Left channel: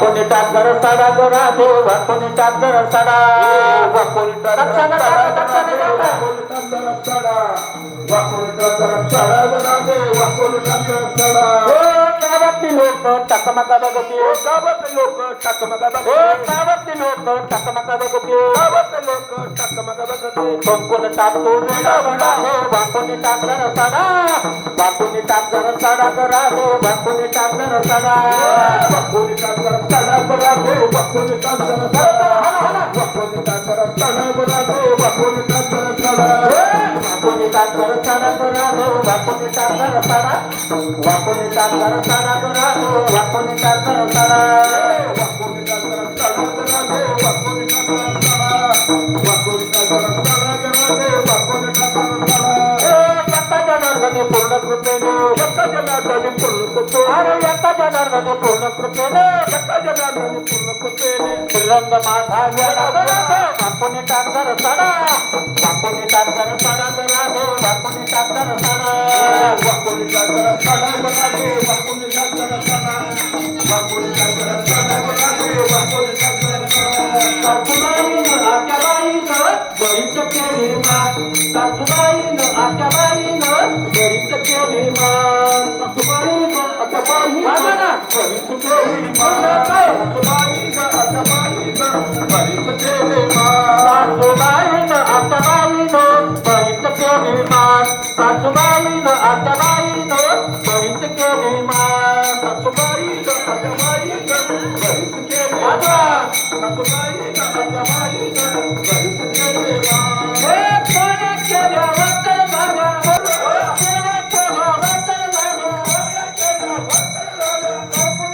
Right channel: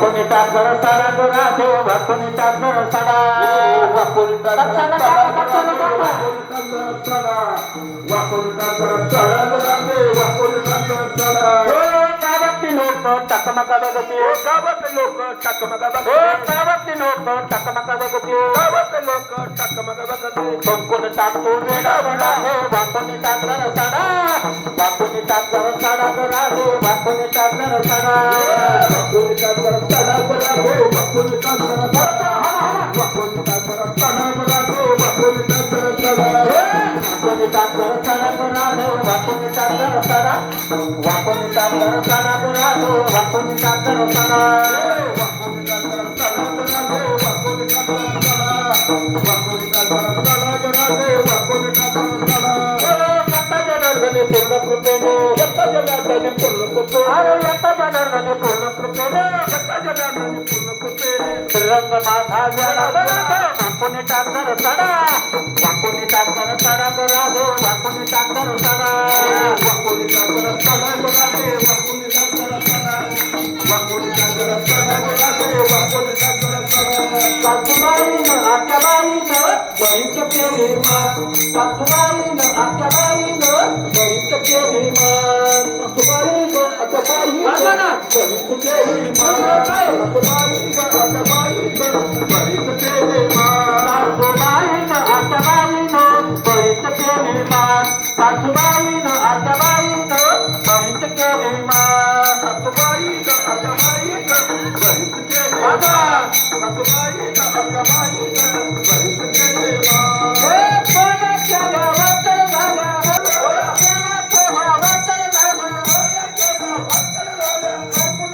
वाकुनी टाकर साडा गोरा दे वाकुनी टाकर साडा वाकुनी टाकर साडा वाकुनी टाकर साडा गोरा दे वाकुनी टाकर साडा गावातली लोक टकमका बघते गावातली लोक टकमका बघते गावातली लोक टकमका बघते गावातली लोक टकमका बघते कोण टाकतो वेडा वडा हो वाकुनी टाकर साडा वाकुनी टाकर साडा गोरा दे वाकुनी टाकर साडा वाकुनी टाकर साडा गोरा दे वाकुनी टाकर साडा वाकुनी टाकर साडा गोरा दे वाकुनी टाकर साडा वाकुनी टाकर साडा गोरा दे वाकुनी टाकर साडा वाकुनी टाकर साडा गोरा दे वाकुनी टाकर साडा वाकुनी टाकर साडा गोरा दे वाकुनी टाकर साडा वाकुनी टाकर साडा गोरा दे वाकुनी टाकर साडा पूर्ण कृपेने यत्ता जनार्दनी पूर्ण कृपेने अरे यत्ता जनार्दनी पूर्ण कृपेने यत्ता जनार्दनी पूर्ण कृपेने श्रीरंग माझा वाकुनी टाकर साडा वाकुनी टाकर साडा गोरा दे वाकुनी टाकर साडा वाकुनी टाकर साडा गोरा दे वाकुनी टाकर साडा वाकुनी टाकर साडा गोरा दे वाकुनी टाकर साडा सासूबाईनं आत्याबाईनं बरीच केली मान सासूबाईनं आत्याबाईनं बरीच केली मान सासूबाईनं आत्याबाईनं बरीच केली मान सासूबाईनं आत्याबाईनं बरीच केली मान सासूबाईनं आत्याबाईनं बरीच केली मान सासूबाईनं आत्याबाईनं बरीच केली मान सासूबाईनं आत्याबाईनं बरीच केली मान सासूबाईनं आत्याबाईनं